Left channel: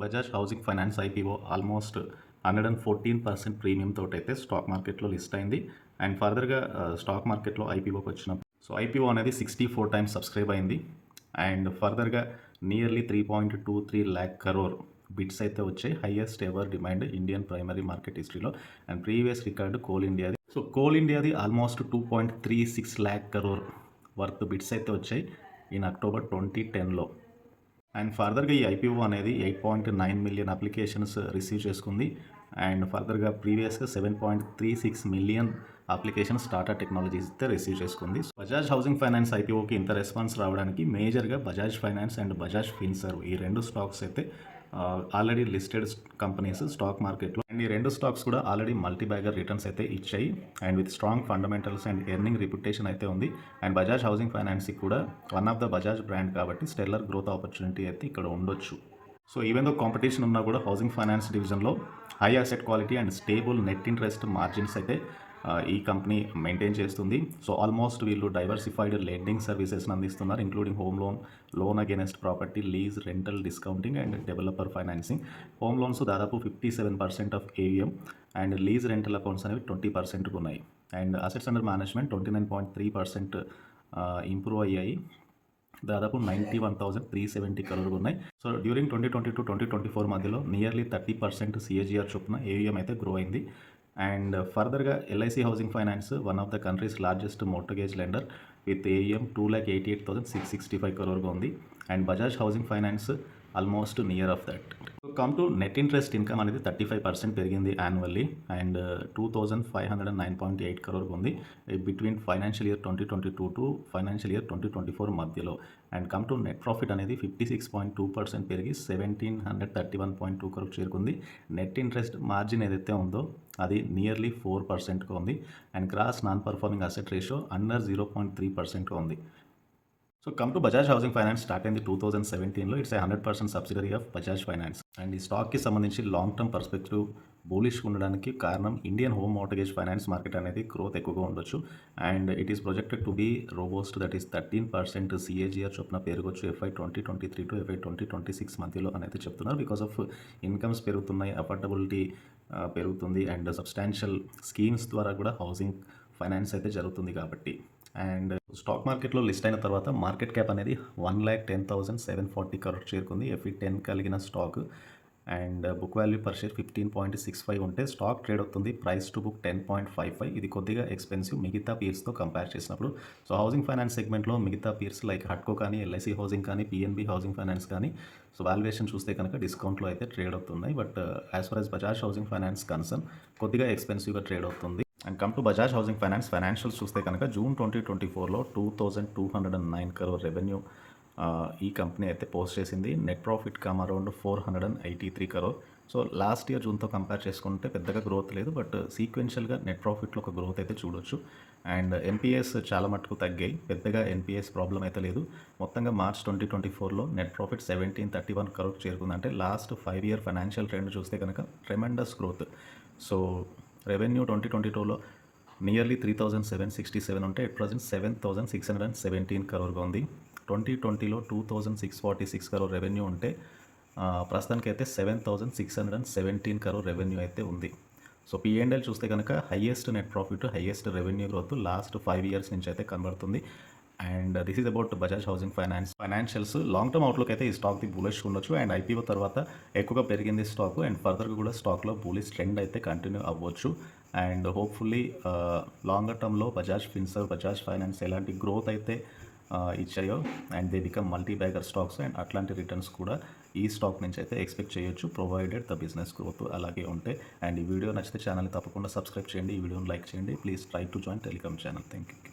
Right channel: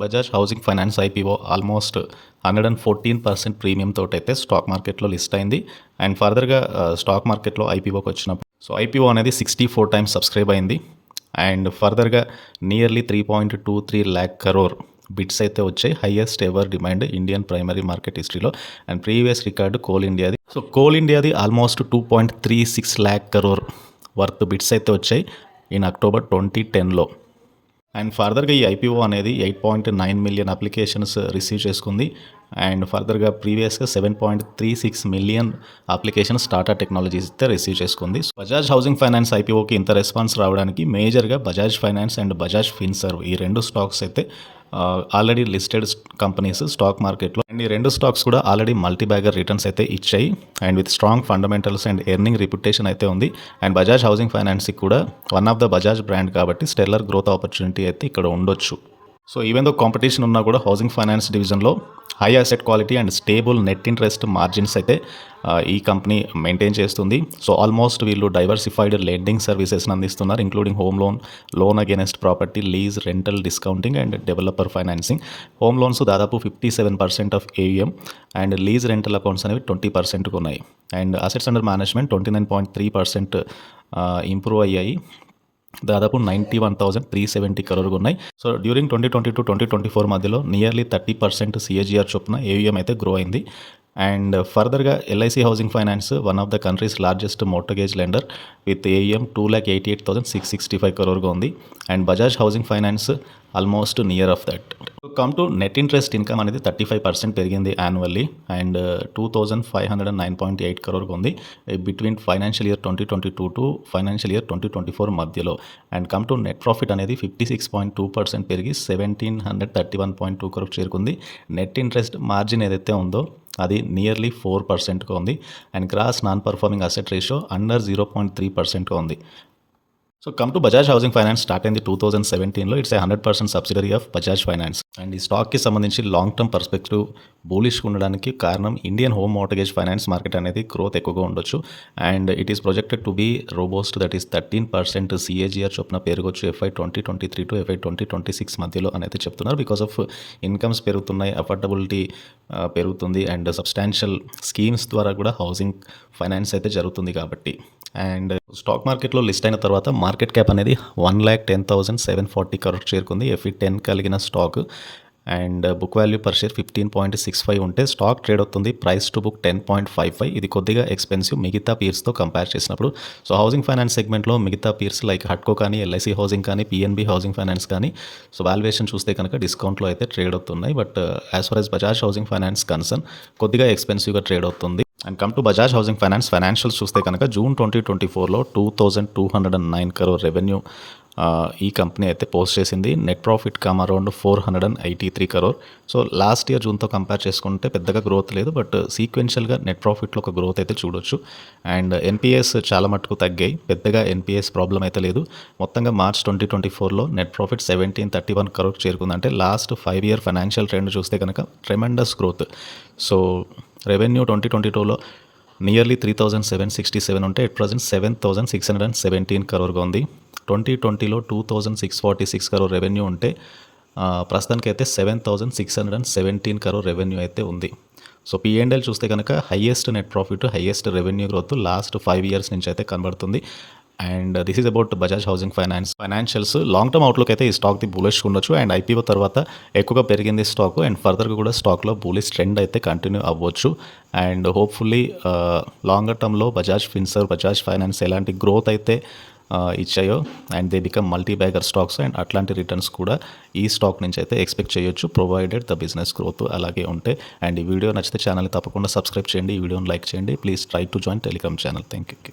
Bajaj housing finance IPO almost 114% premium తోటైతే stock మార్కెట్లో list అయింది. అండ్ ఫర్దర్గా స్టాక్ మార్కెట్లో ఐపీఓకి వచ్చినప్పుడు ఐపీఓ అనేది 64 టైమ్స్ సబ్స్క్రైబ్ అయింది. అండ్ ఫర్దర్గా నియర్లీ 3.23 lakh crore బిట్స్ అయితే వచ్చాయి. Highest ever demand Indian primary market హిస్టరీలో. అండ్ ప్రీవియస్ రికార్డు కోల్ ఇండియాది. కోల్ ఇండియాది almost 2.36 lakh crore worth bids అయితే వచ్చాయి ఇన్ అక్టోబర్ 2010లో. అండ్ ఫర్దర్గా ఈ ఐపీఓ అనేది 8.9 మిలియన్ అప్లికేషన్స్ రిసీవ్ చేసుకుంది. అండ్ ఫర్దర్గా ప్రీవియస్గా 7.36 మిలియన్ అప్లికేషన్స్ టాటా టెక్నాలజీస్ అయితే రిసీవ్ చేసుకుంది. బజాజ్ హౌసింగ్ ఫైనాన్స్ ఐపీఓకి ఇంత రెస్పాన్స్ రావడానికి మేజర్గా బజాజ్ ఫైనాన్స్ అండ్ బజాజ్ ఫిన్సర్వ్ ఈ రెండు స్టాక్స్ అయితే ఆల్రెడీ లిస్టెడ్ కంపెనీస్ స్టాక్ మార్కెట్లో. అండ్ ఈ రెండు స్టాక్స్ కూడా ఆల్రెడీ మల్టీ బ్యాగర్ రిటర్న్స్ అయితే ఇచ్చాయి. And with strong fundamentals and earning reputation అయితే ఉంది. అండ్ బజాజ్ హౌసింగ్ ఫైనాన్స్కి కూడా one of the Bajaj brand కాబట్టి స్టెల్లర్ గ్రోత్ ఆపర్చునిటీ అయితే ఇక్కడ ఉండొచ్చు. ఈవెన్ దో కాంపిటీషన్ ఉన్నా కూడా హౌసింగ్ ఫైనాన్స్ డివిజన్లో high asset quality and stable net interest margins అయితే ఈ కంపెనీ మెయింటైన్ చేస్తుంది. ఆల్మోస్ట్ వీళ్ళు డైవర్సిఫైడ్ లెండింగ్ సర్వీసెస్ని అందిస్తున్నారు, including home loan, loan against property, lease, rental discounting and developer financing. Home loans దాదాపు 57% of AUM and lease rental accounts అనేవి 20%కు ఉన్నాయి. And assets under management 29.3% improve అయ్యాయి. దాదాపు 91,370 crore ఉన్నాయి. డ్యూరింగ్ 2020-2024 మధ్యలో నియర్లీ 30% CAGR చొప్పున ఏయుఎం అయితే గ్రో అయింది. అండ్ ఫర్దర్గా LIC housing finance one of the countries largest mortgage lender with AUM 2,88,665 crore ఉంది. And Bajaj housing finance almost near of that. Come to net interest income అనేది 35% పెరిగింది annually. And 2,509.8 crore ఉంది between financial year 2022 to financial year 2024 మధ్యలో. And come to net profit అనేది 56.2% పెరిగి 1,731.2 crore చేరుకుంది. Net interest margin ఏదైతే ఉందో అది నియర్లీ 4%గా ఉంది. And gross non performing asset ratio under 0.3%గా ఉంది. Come to Bajaj housing finance start అయింది 2017లో. It's 100% subsidiary of Bajaj finance. And ఈ స్టాక్కి సంబంధించి లాంగ్ టర్మ్ పర్స్పెక్టివ్ బూలిష్గా ఉండడానికి కారణం Indian home mortgage finance market అనేది గ్రోత్ ఎక్కువగా ఉండొచ్చు. And it is projected to be robust, that is 13% CAGR చొప్పున పెరగొచ్చు FY 2023 టు FY 2026 మధ్యలో అనేది చెప్తున్నారు. బికాస్ ఆఫ్ ఇన్కమ్స్ పెరుగుతున్నాయి, అఫోర్డబిలిటీ పెరుగుతుంది అండ్ సబ్స్టాన్షియల్ స్కీమ్స్ ద్వారా కూడా హౌసింగ్ ఫైనాన్స్ అయితే జరుగుతుంది కాబట్టి. అండ్ స్టాక్ మార్కెట్లో లిస్ట్ అయిన తర్వాత మార్కెట్ క్యాప్ అనేది 1,10,740 crore చేరుకుంది. FE 10 కలిగిన stock. And book value per share 15.65 ఉంటే స్టాక్ ట్రేడ్ అవుతుంది ప్రైస్ టు బుక్ 10.55. ఇది కొద్దిగా ఎక్స్పెన్సివ్ మిగతా పీర్స్తో కంపేర్ చేసినప్పుడు. హౌసింగ్ ఫైనాన్స్ సెగ్మెంట్లో మిగతా పీర్స్ లైక్ హట్కో కానీ, ఎల్ఐసి హౌసింగ్ కానీ, పిఎన్బి హౌసింగ్ ఫైనాన్స్ కానీ వాల్యుయేషన్ చూస్తే కనుక డిస్కౌంట్లో అయితే ట్రేడ్ అవుతున్నాయి. But as for as Bajaj housing finance concern కొద్దిగా ఎక్స్పెన్సివ్గా ట్రేడ్ అవుతుంది. And come to Bajaj housing finance financials చూస్తే కనుక జూన్ 2024లో 2,209 crore రెవెన్యూ ఈ కంపెనీ అయితే పోస్ట్ చేసింది. Net profit come around 483 crore. Last year జూన్తో కంపేర్ చేసుకుంటే పెద్దగా గ్రోత్ లేదు, బట్ సీక్వెన్షియల్గా నెట్ ప్రాఫిట్లో ఒక గ్రోత్ అయితే చూడొచ్చు. అండ్ ఎన్పిఎస్ చాలా మటుకు తగ్గాయి, పెద్దగా ఎన్పిఎస్ ప్రాబ్లం అయితే లేదు. మొత్తంగా మార్చ్ 2024లో నెట్ ప్రాఫిట్ 1,731 crore చేరుకుంది. అంటే లాస్ట్ 5 year ఫైనాన్షియల్ ట్రెండ్ చూస్తే కనుక ట్రెమెండస్ గ్రోత్. రెవెన్యూ 2022లో నియర్లీ 3,767 ఉంటే ఎట్ ప్రజెంట్ 7,617 crore ఉంది. 2020లో 2,646 crore రెవెన్యూ ఉంటే ప్రస్తుతానికి అయితే 7,617 crore రెవెన్యూ అయితే ఉంది. P&L చూస్తే కనుక highest net profit, highest revenue growth last 5 years నుంచి అయితే కనబడుతుంది. And this is about Bajaj housing finance financials. Long term outlook అయితే ఈ స్టాక్ది బులిష్ ఉండొచ్చు. అండ్ ఐపీఓ తర్వాత ఎక్కువగా పెరిగింది స్టాక్. అండ్ ఫర్దర్గా కూడా స్టాక్లో బులిష్ ట్రెండ్ అయితే కంటిన్యూ అవ్వచ్చు. అండ్ హోప్ఫుల్లీ లాంగర్ టర్మ్లో బజాజ్ ఫిన్సర్వ్, బజాజ్ ఫైనాన్స్ ఎలాంటి గ్రోత్ అయితే ఇచ్చాయో and they become multi bagger stocks and అట్లాంటి రిటర్న్స్ కూడా ఈ స్టాక్ నుంచి అయితే ఎక్స్పెక్ట్ చేయొచ్చు, ప్రొవైడెడ్ ద బిజినెస్ గ్రోత్ అలాగే ఉంటే. అండ్ ఈ వీడియో నచ్చితే ఛానల్ని తప్పకుండా సబ్స్క్రైబ్ చేయండి, ఈ వీడియోని లైక్ చేయండి. Please try to join Telegram channel. Thank you.